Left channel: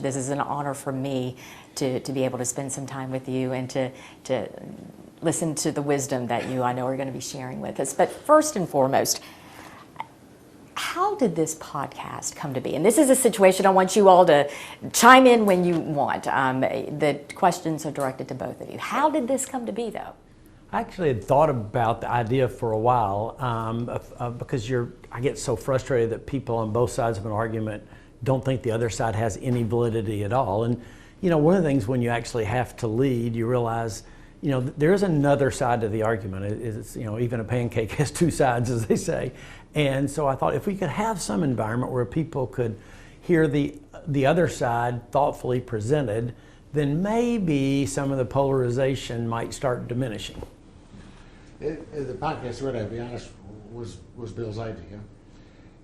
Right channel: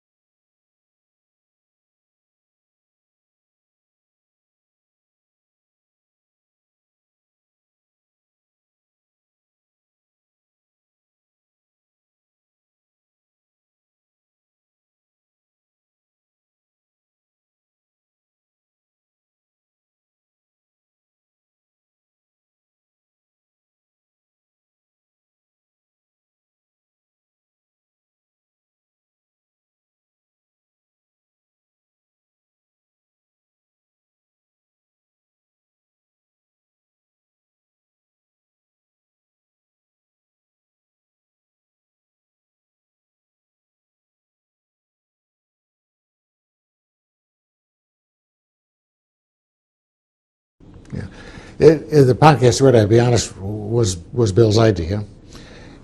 This is an honor for me to be able to spend some time with you and to listen to the wisdom that you, I know, are going to be sharing with us. But first and foremost, how did this podcast come to be? And this is a situation I want you all to chime in when you want. The questions are directed to both of you. How did this come to be, though? I actually had thought about the idea for a while because I get so frustrated that people on both sides of an argument don't think the other side has any validity at all. And, you know, one of the things when you actually have to lead, you realize, you know, there's another side to the argument. It's, you know, even a pancake has two sides, as they say. And so I thought if we could have some environment where people could hear the other side thoughtfully presented, then maybe some of the polarization might start diminishing. Yeah, the podcast, to be honest, was Bill's idea.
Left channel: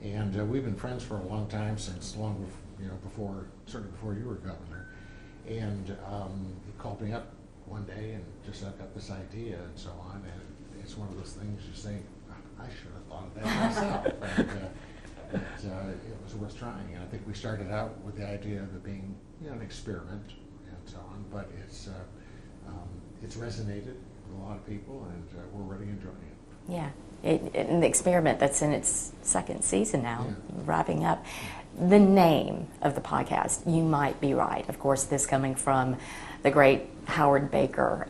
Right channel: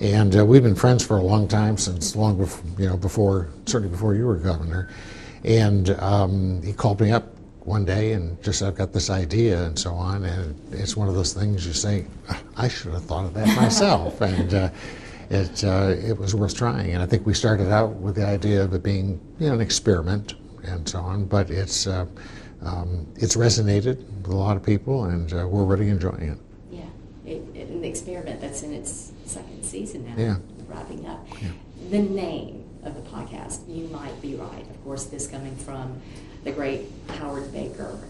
And we've been friends for a long time, since long before, certainly before you were governor. And he called me up one day and just said, I've got this idea and so on. And it's one of those things you say, I should have thought of that myself. And it was worth trying. And I think we started out with the idea of it being, you know, an experiment and so on. But it's resonated with a lot of people, and we're really enjoying it. Yeah. An experiment that's in its second season now, yeah. Wrapping up. Yeah. The name of the podcast, you might be right. Of course, this coming from the great Howard Baker.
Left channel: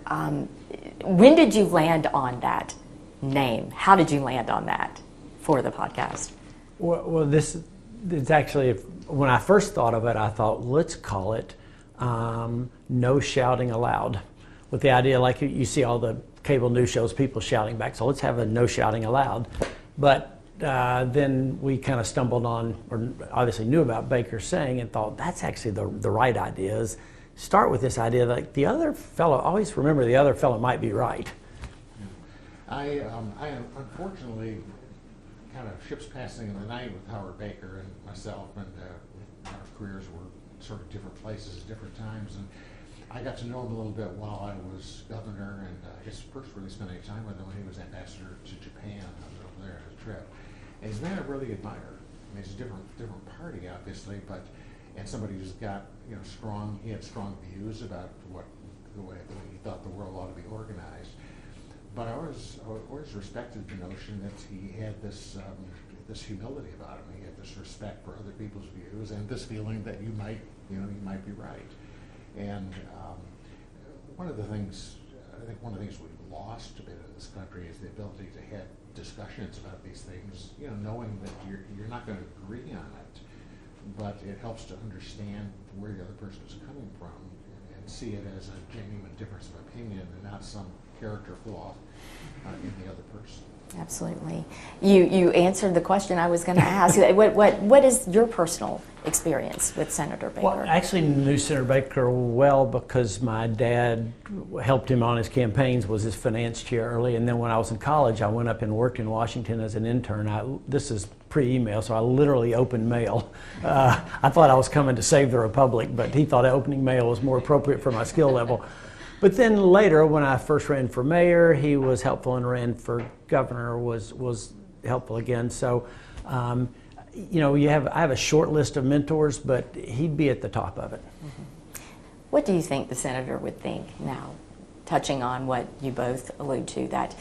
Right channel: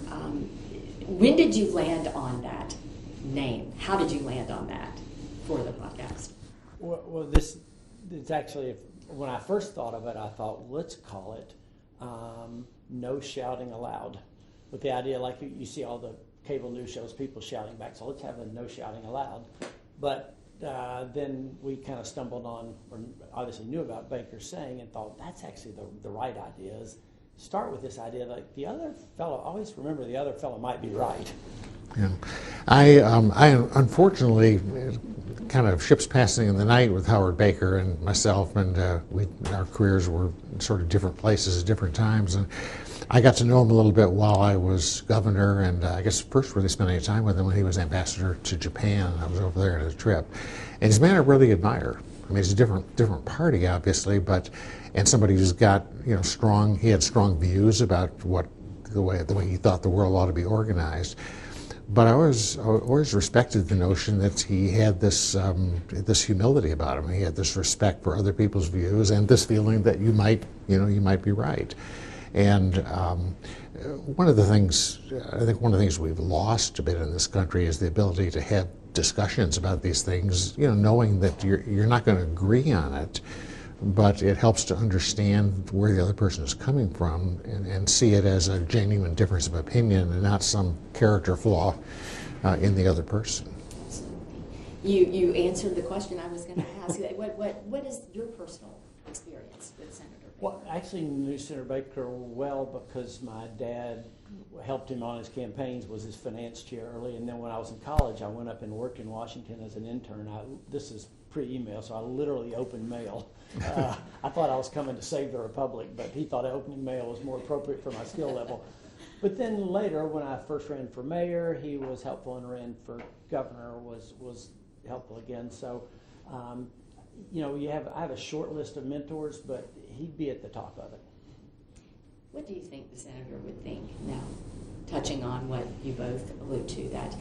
When did you land on that name? How did you land on that for the podcast? Well, this is actually, when I first thought of it, I thought, let's call it No Shouting Allowed, with the idea like you see all the cable news shows, people shouting back, so let's have a no shouting allowed. But then we kind of stumbled on, or obviously knew about Baker's saying, and thought that's actually the right idea, is start with this idea that the other fellow, always remember the other fellow might be right. Yeah. I unfortunately, kind of ships passing in the night with Howard Baker and myself, and our careers were in sort of different places at different times. And I got to know him a little bit while I was governor, and I guess first really spent any time with him when he was ambassador to Japan. I was over there on a trip. And he's a man I really admire. I mean, it's a different party, obviously, and somebody who's got, you know, he had strong views about the way he thought the world ought to be organized. But I always respected the notion that he had this humility about him. He had this respect for other people's views and this feeling that you might be right. And one of the things we've lost a bit in this country is the ability to have discussions about these things, you know, knowing that you're not going to agree on it, but it helps to understand where the other person is coming from and see it as a genuine difference of opinion and not some character flaw in the other person. Absolutely. You answered the question I was going to ask. What is your personal experience with Senator Baker? Well, I actually knew Senator Baker well because my dad helped him on his campaigns, was his finance chair early, and then when I was in college, I went up and worked in Washington as an intern. This is pre-email, so I literally opened mail. I thought I was coming to save the Republic, but he thought opening mail was more appropriate for my skill level. But then later, when I first ran for mayor, he was helpful, and ran for governor, was helpful again. So, you know, I have a short list of mentors, but he'd be at the top of it. Mm-hmm. What do you think the senator would think now, touching on what you both allude to, that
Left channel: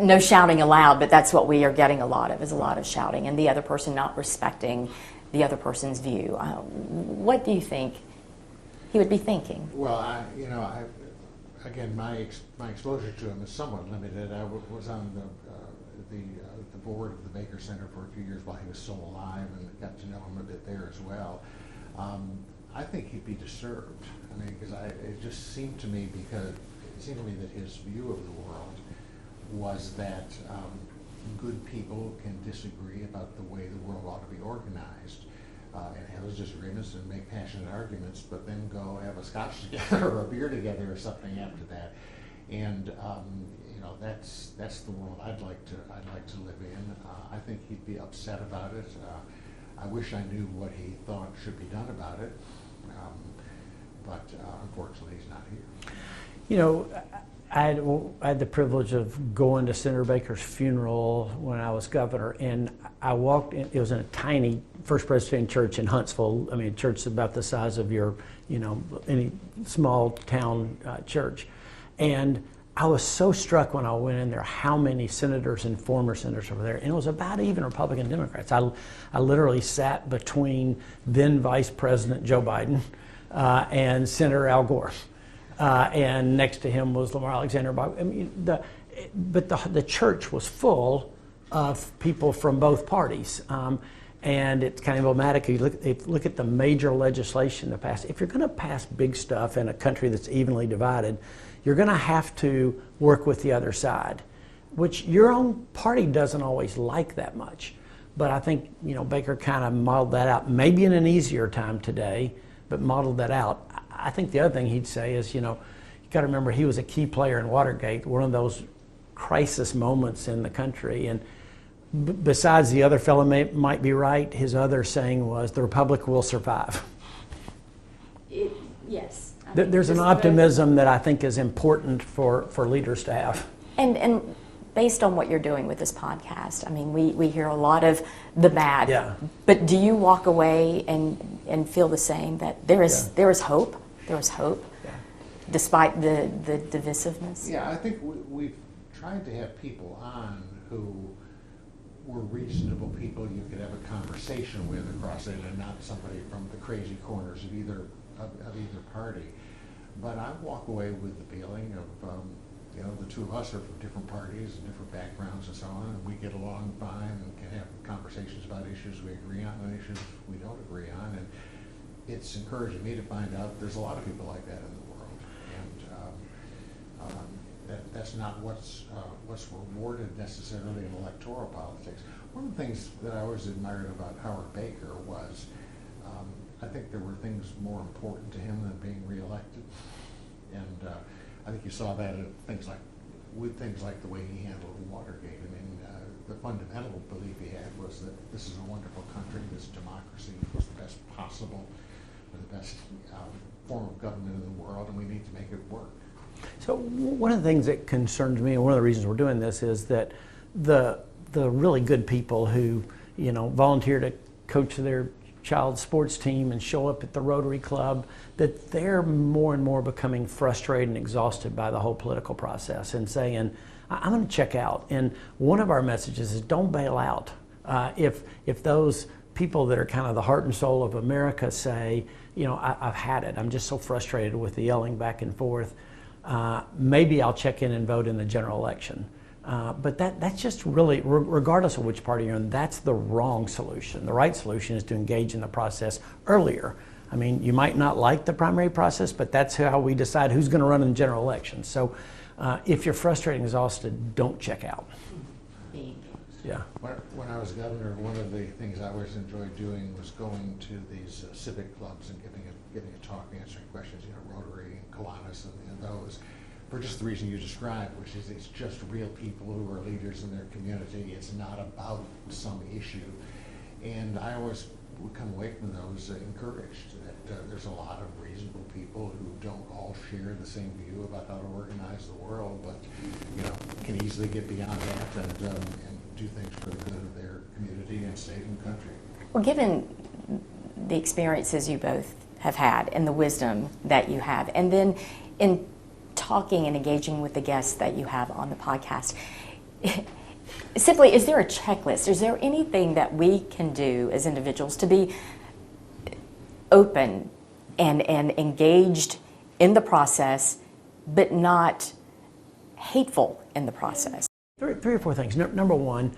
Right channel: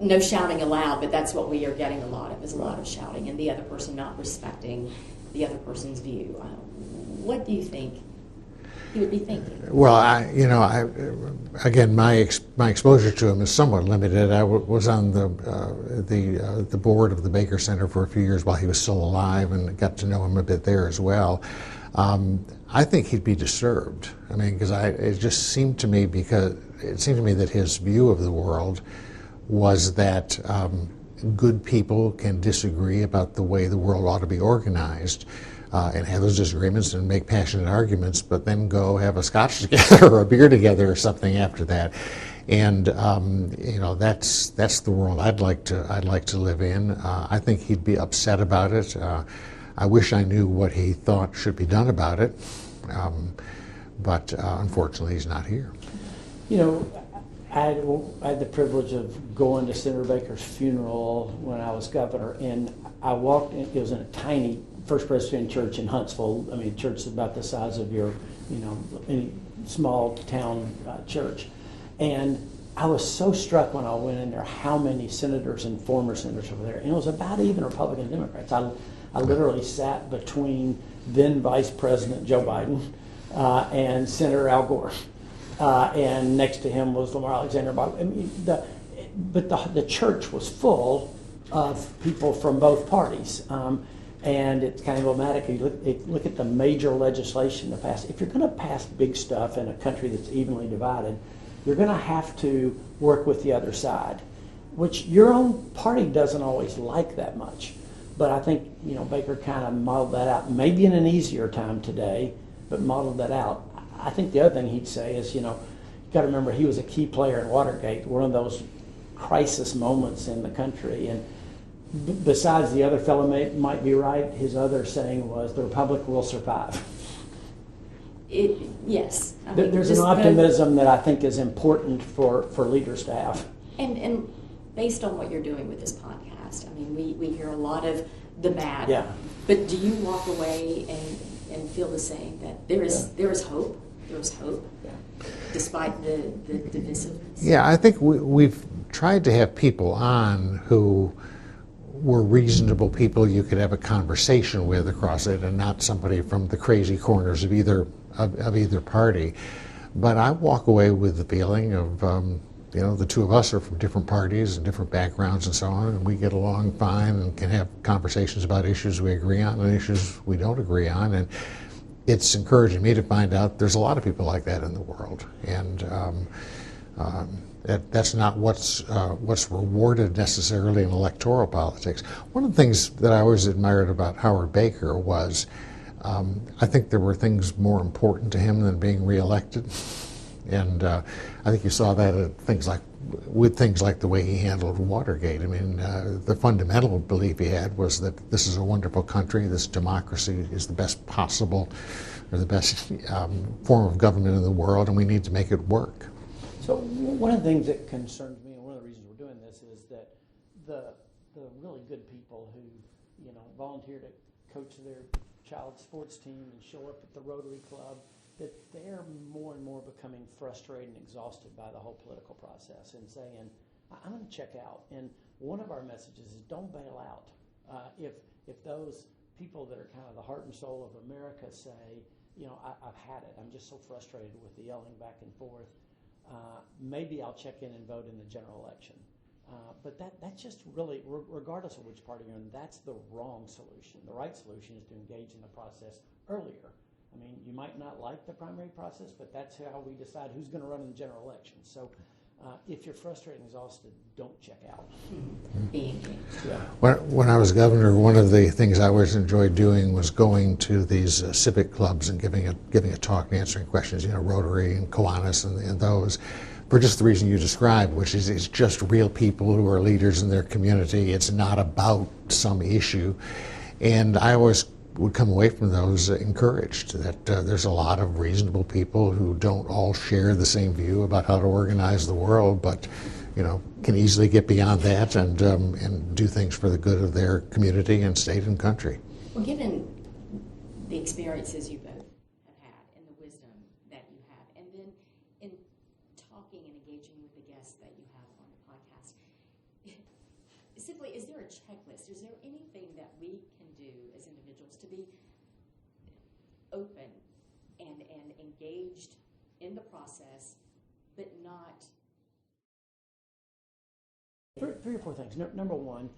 no shouting allowed, but that's what we are getting a lot of, is a lot of shouting, and the other person not respecting the other person's view. What do you think he would be thinking? Well, again, my exposure to him is somewhat limited. I was on the board of the Baker Center for a few years while he was still alive, and got to know him a bit there as well. I think he'd be disturbed. I mean, because it seemed to me that his view of the world was that good people can disagree about the way the world ought to be organized. And have those disagreements and make passionate arguments, but then go have a scotch together or a beer together or something after that. And you know, that's the world I'd like to live in. I think he'd be upset about it. I wish I knew what he thought should be done about it, but unfortunately, he's not here. You know, I had the privilege of going to Senator Baker's funeral when I was governor, and I walked in, it was in a tiny First Presbyterian Church in Huntsville. I mean, a church about the size of your, any small town church. And I was so struck when I went in there how many senators and former senators were there. And it was about even Republican Democrats. I literally sat between then Vice President Joe Biden and Senator Al Gore. And next to him was Lamar Alexander. I mean, the church was full of people from both parties. And it's kind of emblematic. You look at the major legislation that passed. If you're going to pass big stuff in a country that's evenly divided, you're going to have to work with the other side, which your own party doesn't always like that much. But I think Baker kind of modeled that out, maybe in an easier time today, but modeled that out. I think the other thing he'd say is, you got to remember he was a key player in Watergate, one of those crisis moments in the country. And besides the other fellow might be right, his other saying was, the Republic will survive. Yes. There's an optimism that I think is important for leaders to have. And based on what you're doing with this podcast, I mean, we hear a lot of the bad. Yeah. But do you walk away and feel the same, that there is hope? There is hope, despite the divisiveness? Yeah, I think we've tried to have people on who were reasonable people you could have a conversation with across it, and not somebody from the crazy corners of either party. But I walk away with the feeling of, the two of us are from different parties and different backgrounds and so on, and we get along fine and can have conversations about issues we agree on and issues we don't agree on. And it's encouraging me to find out there's a lot of people like that in the world. And that's not what's rewarded necessarily in electoral politics. One of the things that I always admired about Howard Baker was, I think there were things more important to him than being reelected. And I think you saw that at things like the way he handled Watergate. I mean, the fundamental belief he had was that this is a wonderful country, this democracy is the best possible, or the best form of government in the world, and we need to make it work. So one of the things that concerns me, and one of the reasons we're doing this, is that the really good people who, volunteer to coach their child's sports team and show up at the Rotary Club, that they're more and more becoming frustrated and exhausted by the whole political process and saying, I'm going to check out. And one of our messages is don't bail out. If those people that are kind of the heart and soul of America say, I've had it, I'm just so frustrated with the yelling back and forth, maybe I'll check in and vote in the general election. But that's just really, regardless of which party you're in, that's the wrong solution. The right solution is to engage in the process earlier. I mean, you might not like the primary process, but that's how we decide who's going to run in the general election. So if you're frustrated and exhausted, don't check out. Yeah. When I was governor, one of the things I always enjoyed doing was going to these civic clubs and giving a talk and answering questions, Rotary and Kiwanis and those, for just the reason you described, which is it's just real people who are leaders in their community. It's not about some issue. And I always would come away from those encouraged that there's a lot of reasonable people who don't all share the same view about how to organize the world, but can easily get beyond that and do things for the good of their community and state and country. Well, given the experiences you both have had and the wisdom that you have, and then in talking and engaging with the guests that you have on the podcast, simply, is there a checklist? Is there anything that we can do as individuals to be open and engaged in the process, but not hateful in the process? Three or four things. Number one,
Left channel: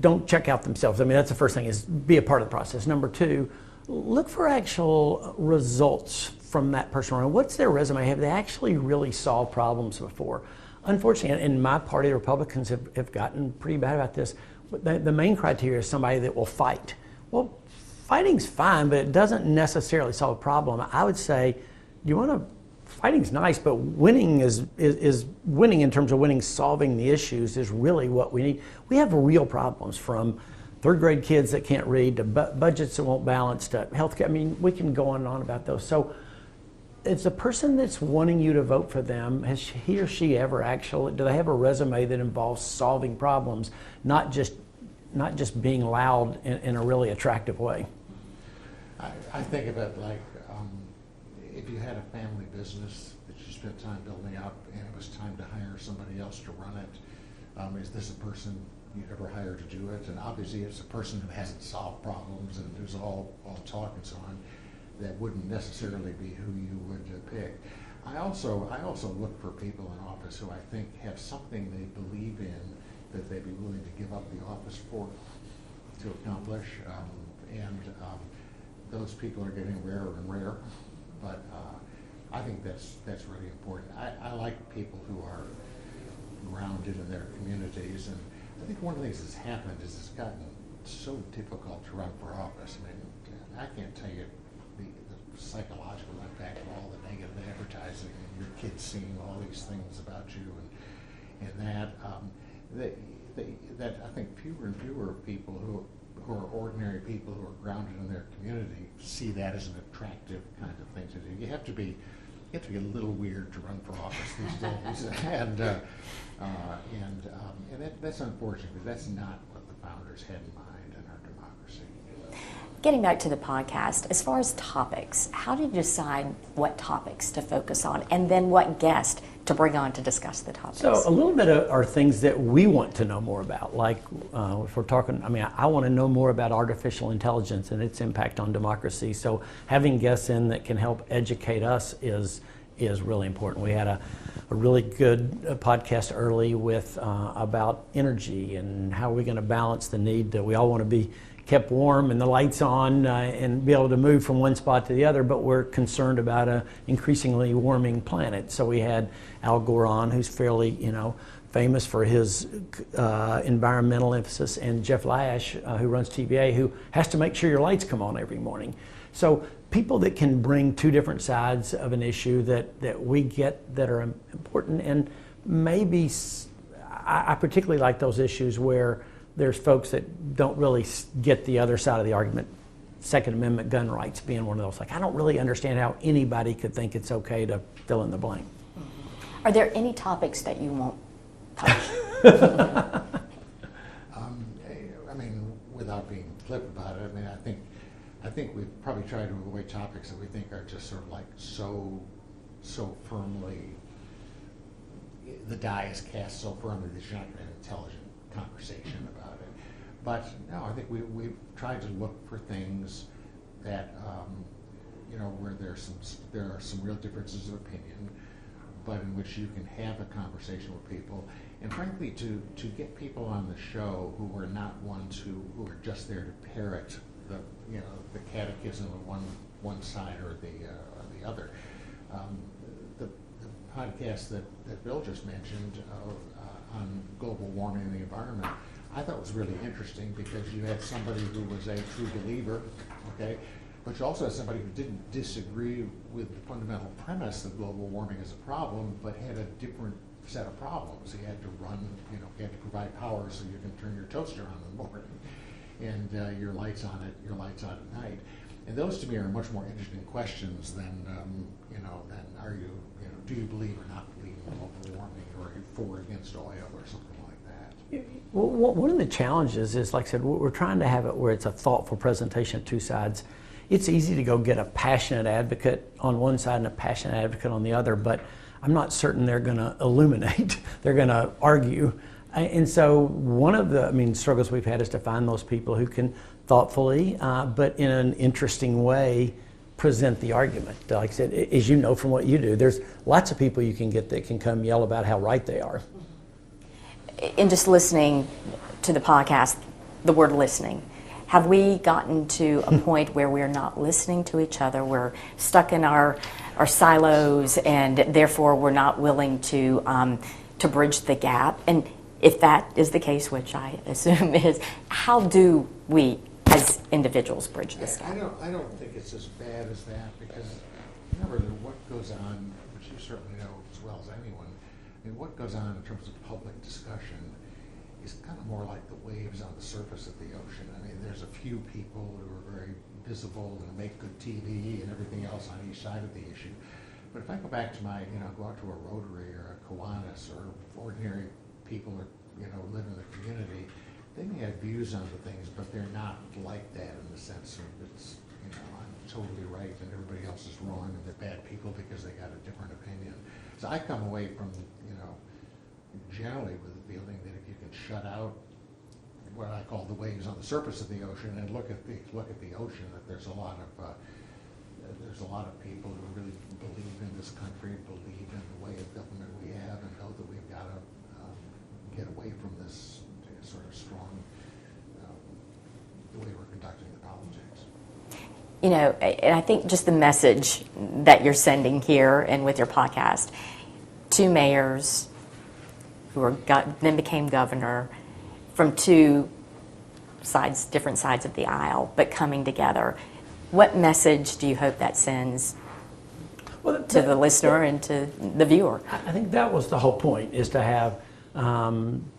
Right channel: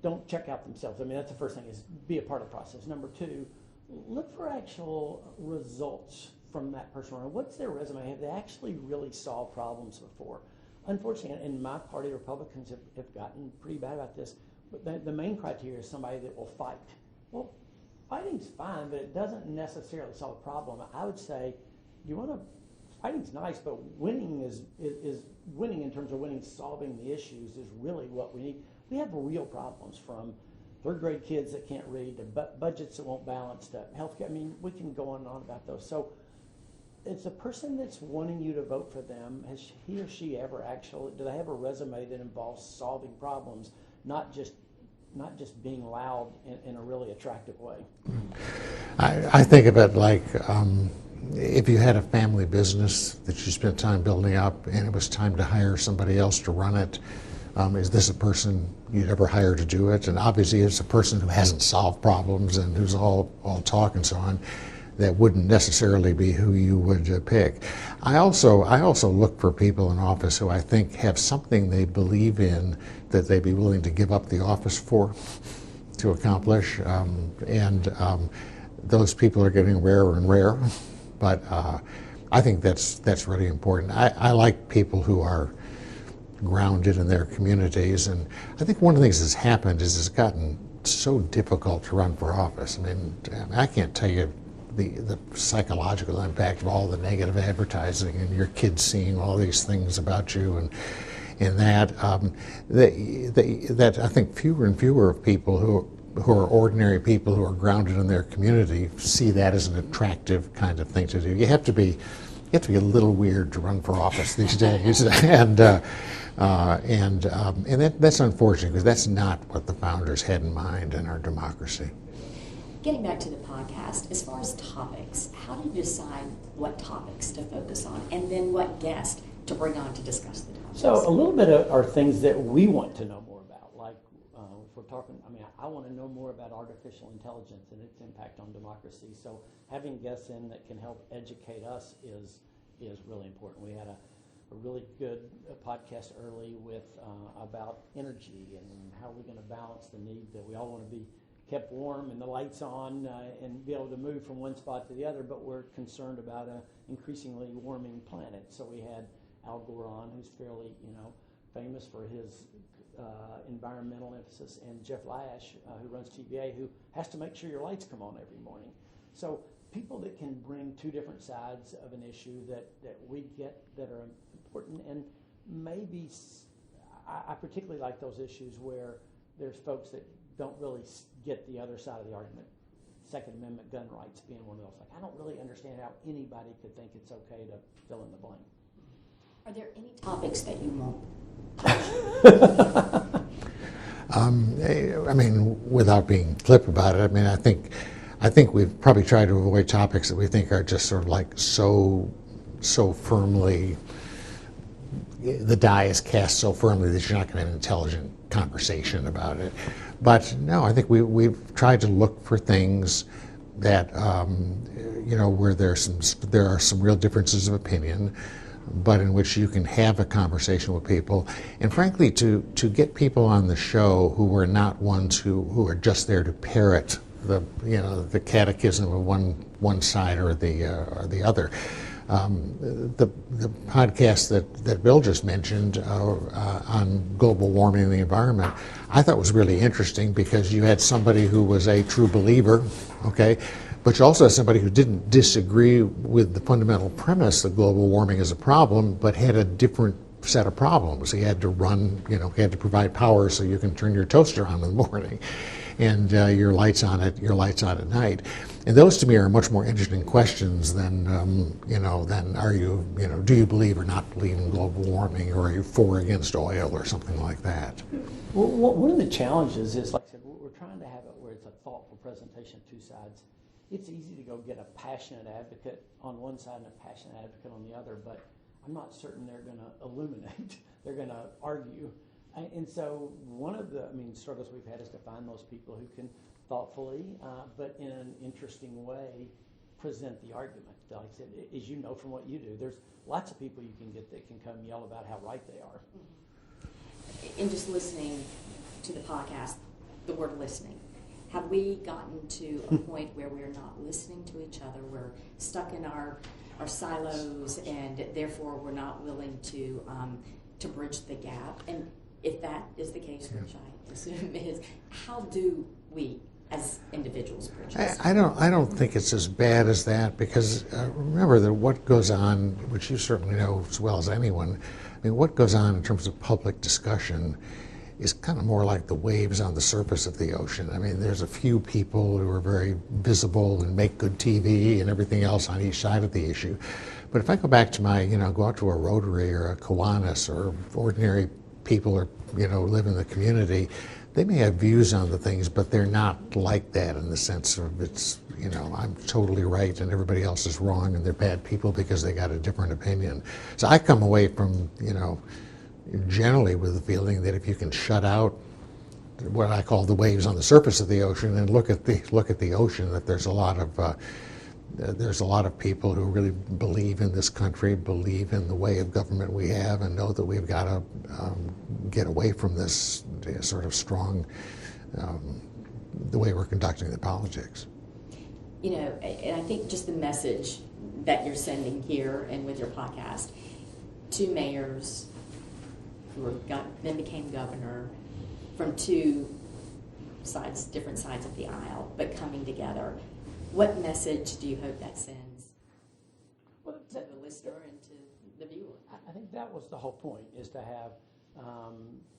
don't check out themselves. I mean, that's the first thing, is be a part of the process. Number two, look for actual results from that person. What's their resume? Have they actually really solved problems before? Unfortunately, in my party, the Republicans have gotten pretty bad about this. The main criteria is somebody that will fight. Well, fighting's fine, but it doesn't necessarily solve a problem. I would say, fighting's nice, but winning is winning in terms of winning, solving the issues is really what we need. We have real problems, from third grade kids that can't read to budgets that won't balance to healthcare. I mean, we can go on and on about those. So is the person that's wanting you to vote for them, has he or she ever do they have a resume that involves solving problems, not just not just being loud in a really attractive way. I think of it like if you had a family business that you spent time building up and it was time to hire somebody else to run it, is this a person you'd ever hire to do it? And obviously it's a person who hasn't solved problems and who's all talk and so on. That wouldn't necessarily be who you would pick. I also look for people in office who I think have something they believe in that they'd be willing to give up the office for to accomplish. Those people are getting rarer and rarer, but I think that's really important. I like people who are grounded in their communities, and I think one of the things that's happened is it's gotten so difficult to run for office. I mean, I can't tell you the psychological impact of all the negative advertising and your kids seeing all these things about you and that I think fewer and fewer of people who are ordinary people who are grounded in their community see that as an attractive kind of thing to do. You have to be a little weird to run for office these days, and that's unfortunate because that's not what the founders had in mind in our democracy. Getting back to the podcast, as far as topics, how did you decide what topics to focus on and then what guest to bring on to discuss the topics? So a little bit are things that we want to know more about. Like if we're talking, I want to know more about artificial intelligence and its impact on democracy. So having guests in that can help educate us is really important. We had a really good podcast early with about energy and how we're going to balance the need that we all want to be kept warm and the lights on and be able to move from one spot to the other, but we're concerned about an increasingly warming planet. So we had Al Gore on, who's fairly, famous for his environmental emphasis, and Jeff Lash, who runs TVA, who has to make sure your lights come on every morning. So people that can bring two different sides of an issue that we get that are important, and maybe I particularly like those issues where there's folks that don't really get the other side of the argument. Second Amendment gun rights being one of those. Like, I don't really understand how anybody could think it's okay to fill in the blank. Are there any topics that you won't touch? Without being flip about it, I think we've probably tried to avoid topics that we think are just sort of like so firmly, the die is cast so firmly that you're not going to have an intelligent conversation about it. But no, I think we've tried to look for things that where there are some real differences of opinion, but in which you can have a conversation with people, and frankly to get people on the show who are not ones who are just there to parrot the catechism of one side or the other. The podcast that Bill just mentioned on global warming and the environment, I thought was really interesting because you had somebody who was a true believer, okay, but you also had somebody who didn't disagree with the fundamental premise that global warming is a problem, but had a different set of problems. He had to he had to provide power so you can turn your toaster on in the morning, and your lights on at night. And those to me are much more interesting questions than are you, do you believe or not believe in global warming, or are you for or against oil or something like that? Well, one of the challenges is, like I said, we're trying to have it where it's a thoughtful presentation of two sides. It's easy to go get a passionate advocate on one side and a passionate advocate on the other, but I'm not certain they're going to illuminate. They're going to argue. And so one of the struggles we've had is to find those people who can thoughtfully, but in an interesting way, present the argument. Like I said, as you know from what you do, there's lots of people you can get that can come yell about how right they are. In just listening to the podcast, the word listening, have we gotten to a point where we're not listening to each other? We're stuck in our silos, and therefore we're not willing to bridge the gap. And if that is the case, which I assume is, how do we as individuals bridge this? I don't think it's as bad as that, because remember that what goes on, which you certainly know as well as anyone, what goes on in terms of public discussion is kind of more like the waves on the surface of the ocean. There's a few people who are very visible and make good TV and everything else on each side of the issue. But if I go back to go out to a Rotary or a Kiwanis or ordinary people or live in the community, they may have views on the things, but they're not like that in the sense of it's, you know, I'm totally right and everybody else is wrong and they're bad people because they got a different opinion. So I come away from, you know, generally with the feeling that if you can shut out what I call the waves on the surface of the ocean and look at the ocean, that there's a lot of people who really believe in this country, believe in the way of government we have, and know that we've got to get away from this sort of strong, the way we're conducting the politics. You know, and I think just the message that you're sending here and with your podcast, two mayors who then became governor from two sides, different sides of the aisle, but coming together. What message do you hope that sends to the listener and to the viewer? I think that was the whole point, is to have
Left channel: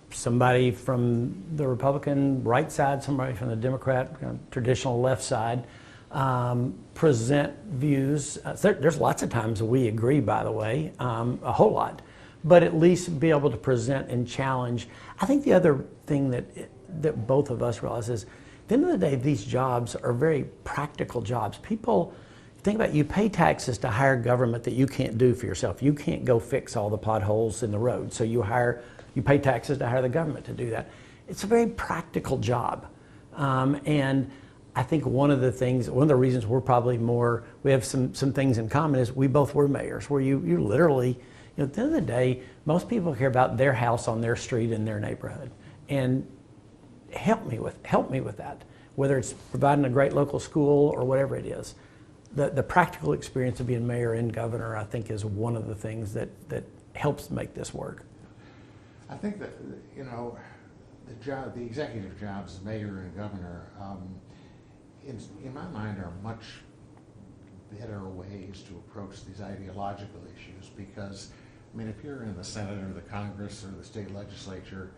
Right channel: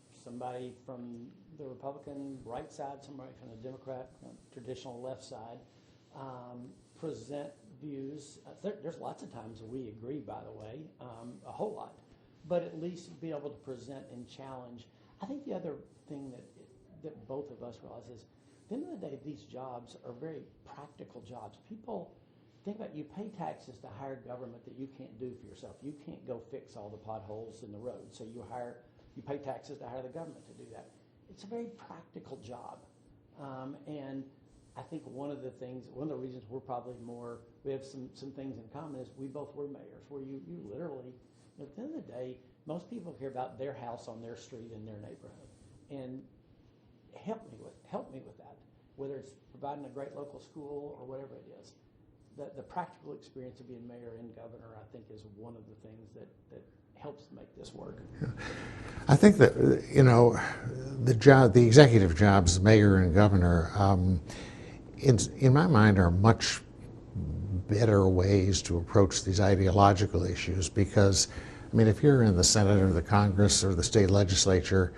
somebody from the Republican right side, somebody from the Democrat traditional left side, present views. There's lots of times we agree, by the way, a whole lot, but at least be able to present and challenge. I think the other thing that both of us realize is, at the end of the day, these jobs are very practical jobs. People, think about it, you pay taxes to hire government that you can't do for yourself. You can't go fix all the potholes in the road, so you pay taxes to hire the government to do that. It's a very practical job. And I think one of the reasons we're probably we have some things in common is we both were mayors, where you literally, you know, at the end of the day, most people care about their house on their street in their neighborhood. And help me with that, whether it's providing a great local school or whatever it is. The practical experience of being mayor and governor, I think, is one of the things that helps make this work. Yeah. I think that, you know, the executive jobs, mayor and governor, in my mind, are much better ways to approach these ideological issues, because, I mean, if you're in the Senate or the Congress or the state legislature,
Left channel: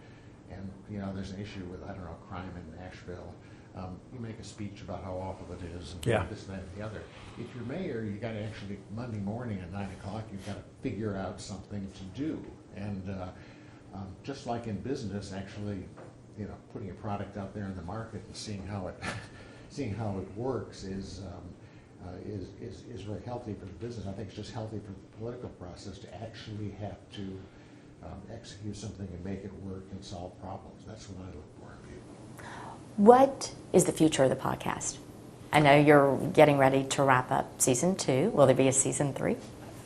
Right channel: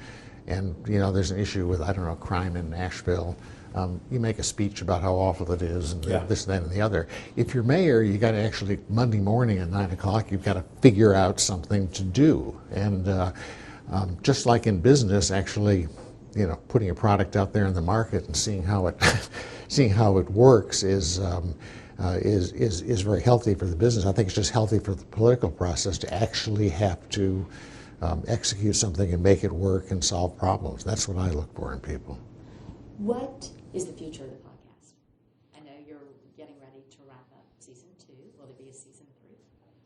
and, you know, there's an issue with, I don't know, crime in Nashville, you make a speech about how awful it is and this, that, and the other. If you're mayor, you got to actually, Monday morning at 9 o'clock, you've got to figure out something to do. And just like in business, actually, you know, putting a product out there in the market and seeing how it works is very healthy for the business. I think it's just healthy for the political process to actually have to execute something and make it work and solve problems. That's what I look for in people. What is the future of the podcast? I know you're getting ready to wrap up season 2. Will there be a season 3?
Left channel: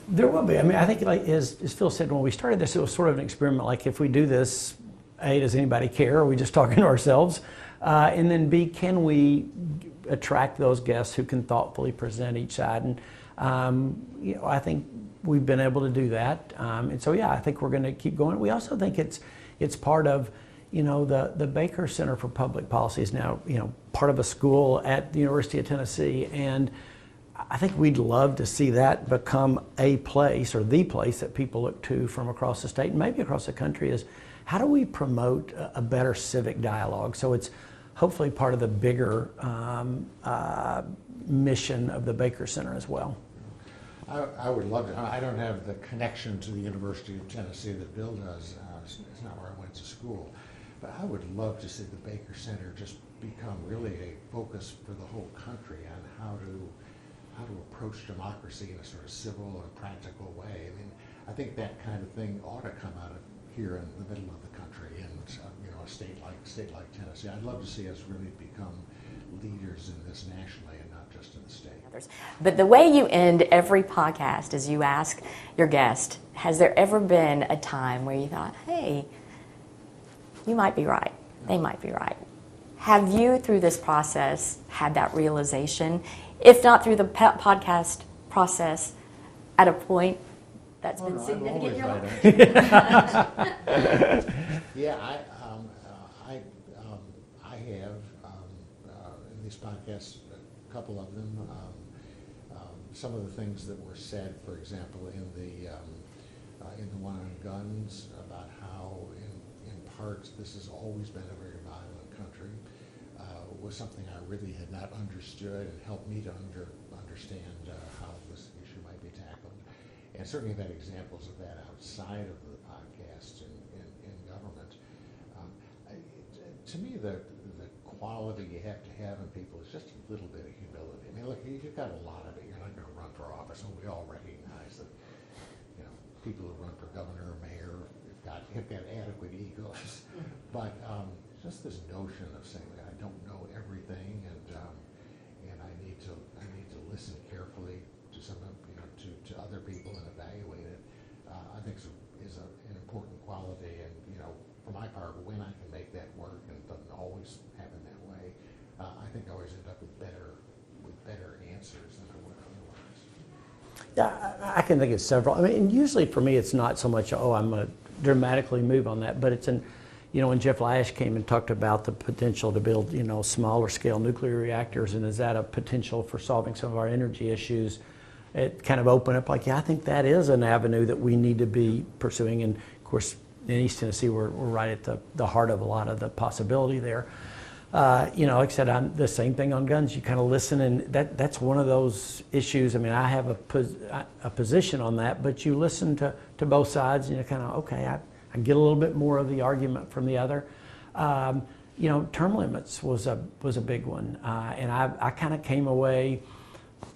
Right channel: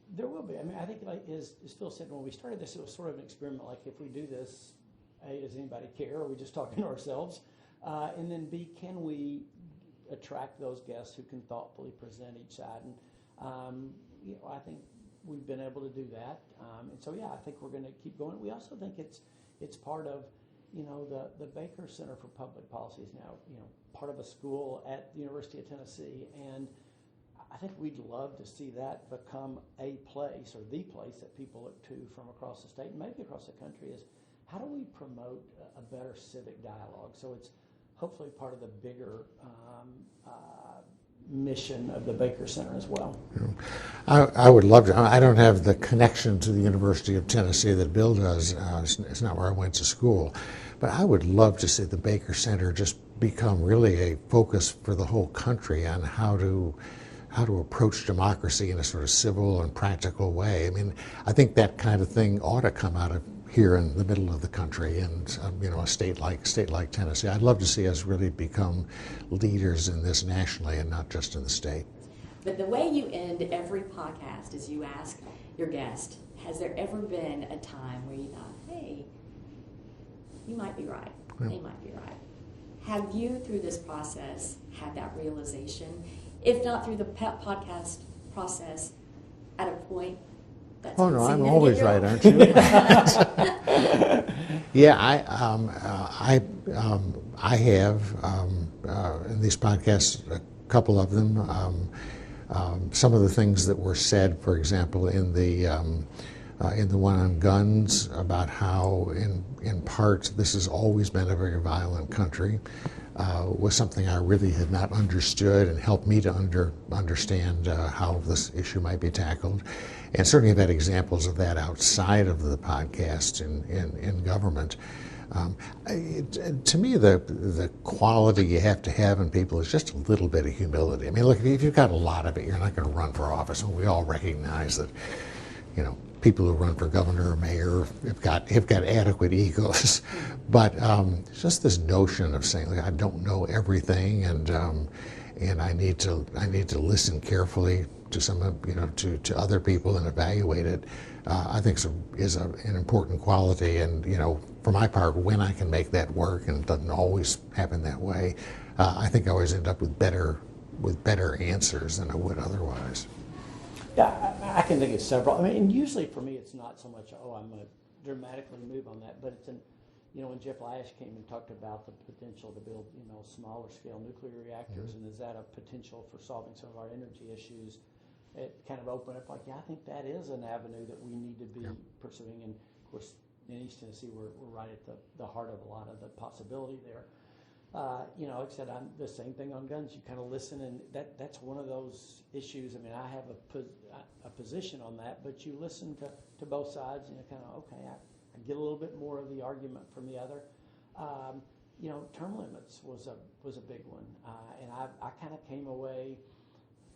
There will be. I mean, I think, like as Phil said, when we started this, it was sort of an experiment. Like, if we do this, A, does anybody care? Are we just talking to ourselves? And then B, can we attract those guests who can thoughtfully present each side? And you know, I think we've been able to do that. And so, yeah, I think we're going to keep going. We also think it's part of, you know, the Baker Center for Public Policy is now, you know, part of a school at the University of Tennessee. And I think we'd love to see that become a place, or the place, that people look to from across the state and maybe across the country, is how do we promote a better civic dialogue? So it's hopefully part of the bigger mission of the Baker Center as well. I would love to. I don't have the connection to the University of Tennessee that Bill does. It's not where I went to school. But I would love to see the Baker Center just become really a focus for the whole country on how to approach democracy in a sort of civil and practical way. I mean, I think that kind of thing ought to come out of here in the middle of the country, and you know, a state like Tennessee. I'd love to see us really become leaders in this nationally and not just in the state. But the way you end every podcast is you ask your guest, has there ever been a time where you thought, hey, you might be right, they might be right? Have you, through this process, had that realization? If not through the podcast process, at a point that's oh no, I'm always right, aren't you? Yeah, I have in these podcasts, a couple of them. Some of the things that were said, for example, in the one on guns, about how in part this has always been a very violent country. Was something I really had not understood, and helped me to understand how this issue might be tackled. And certainly I've had examples of that outside of the podcast in government. To me, the quality you have to have in people is just a little bit of humility. I mean, look, if you've got a lot of it, you're not going to run for office, and we all recognize that, you know, people who run for governor or mayor have got adequate egos. But just this notion of saying, like, I don't know everything, and I need to listen carefully to some of, you know, to other people and evaluate it. I think is an important quality, and, you know, for my part, when I can make that work, and it doesn't always happen that way, I think I always end up with better answers than I would otherwise. Yeah, I can think of several. I mean, usually for me, it's not so much, oh, I'm going to dramatically move on that, but it's you know, when Jeff Lash came and talked about the potential to build, you know, smaller scale nuclear reactors, and is that a potential for solving some of our energy issues? It kind of opened up like, yeah, I think that is an avenue that we need to be pursuing. And of course, in East Tennessee, we're right at the heart of a lot of the possibility there. You know, like I said, I'm the same thing on guns. You kind of listen, and that's one of those issues. I mean, I have a position on that, but you listen to both sides, and you're kind of, okay, I get a little bit more of the argument from the other. You know, term limits was a big one, and I kind of came away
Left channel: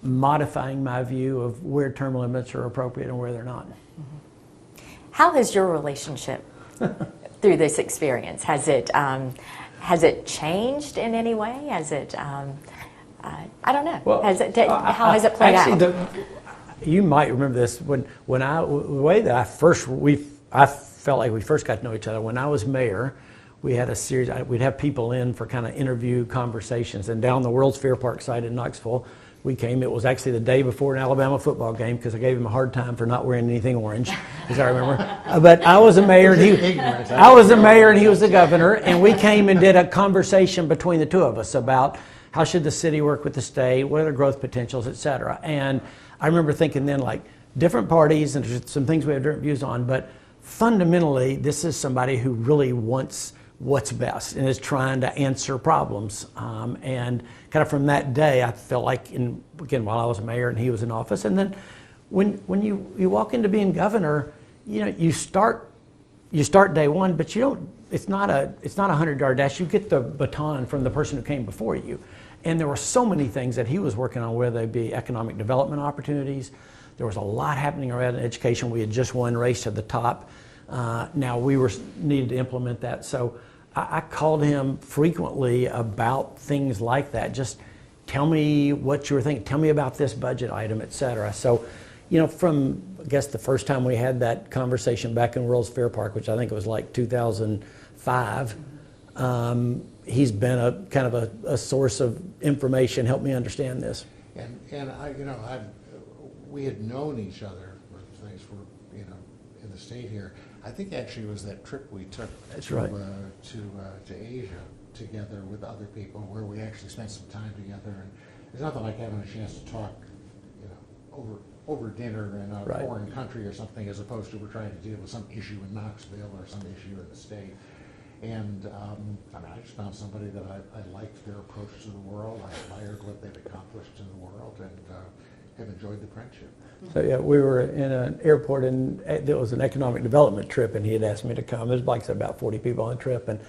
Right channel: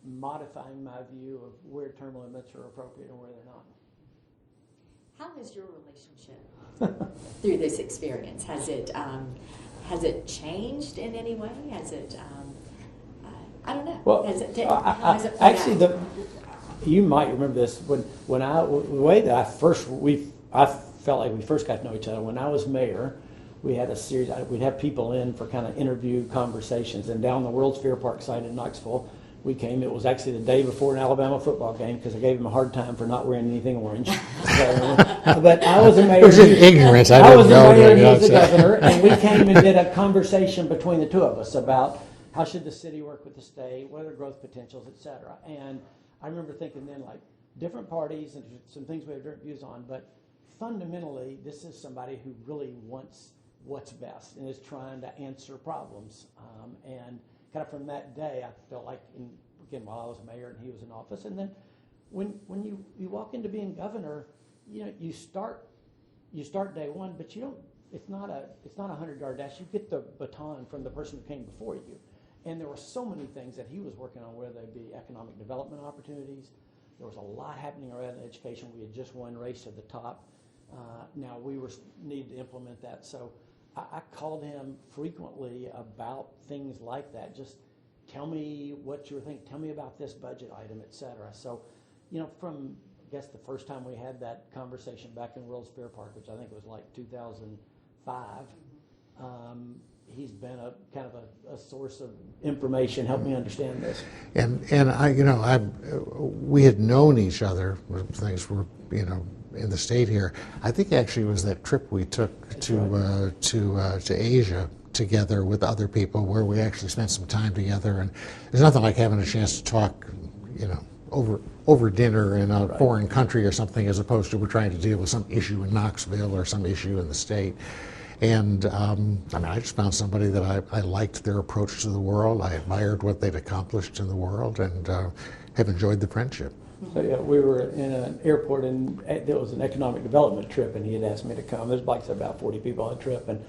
modifying my view of where term limits are appropriate and where they're not. How has your relationship through this experience, has it changed in any way? Has it, I don't know. Well, how has it played actually, out? You might remember this the way that I felt like we first got to know each other. When I was mayor, we had a series. We'd have people in for kind of interview conversations, and down the World's Fair Park site in Knoxville, we came. It was actually the day before an Alabama football game, because I gave him a hard time for not wearing anything orange, as I remember. But I was a mayor. Ignorance. I was the mayor, and he was the governor, and we came and did a conversation between the two of us about how should the city work with the state, what are the growth potentials, et cetera. And I remember thinking then, like, different parties, and there's some things we have different views on, but fundamentally, this is somebody who really wants what's best and is trying to answer problems. And kind of from that day, I felt like, again, while I was mayor and he was in office, and then when you walk into being governor, you know, you start day one, but you don't. It's not a 100-yard dash. You get the baton from the person who came before you, and there were so many things that he was working on, whether they be economic development opportunities. There was a lot happening around education. We had just won Race to the Top. Now we needed to implement that. So I called him frequently about things like that. Just tell me what you were thinking. Tell me about this budget item, et cetera. So, you know, from, I guess, the first time we had that conversation back in World's Fair Park, which I think it was like 2005, he's been a kind of a source of information, helped me understand this. And I, you know, we had known each other. Things were, you know, in the state here. I think actually it was that trip we took to Asia together with other people, where we actually spent some time together. And there's nothing like having a chance to talk, you know, over dinner in a foreign country or something, as opposed to we're trying to deal with some issue in Knoxville or some issue in the state. And I mean, I just found somebody that I liked their approach to the world. I admired what they'd accomplished in the world, and have enjoyed the friendship. So yeah, we were in an airport, and there was an economic development trip, and he had asked me to come. It was like about 40 people on the trip, and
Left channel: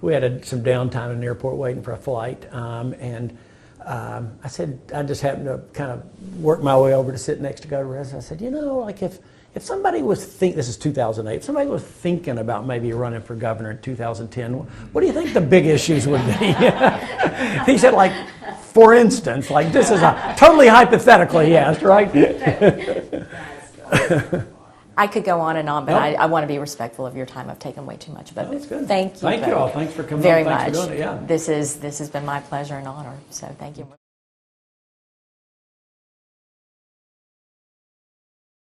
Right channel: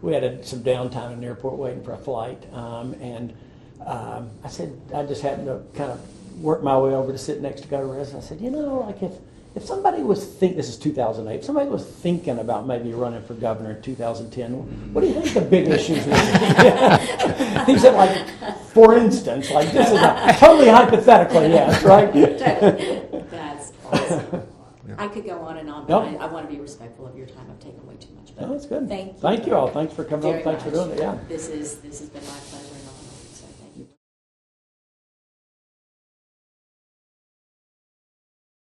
we had some downtime in the airport waiting for a flight. I said, I just happened to kind of work my way over to sit next to Governor Bredesen. I said, you know, like if somebody was this is 2008, if somebody was thinking about maybe running for governor in 2010, what do you think the big issues would be? He said, like, for instance, like, this is a totally hypothetically, yes, right? That's awesome. I could go on and on, but I want to be respectful of your time. I've taken way too much, but that's good. Thank you. Thank you all. Thanks for coming. Very Thanks much. for doing it. Yeah. This has been my pleasure and honor. So thank you.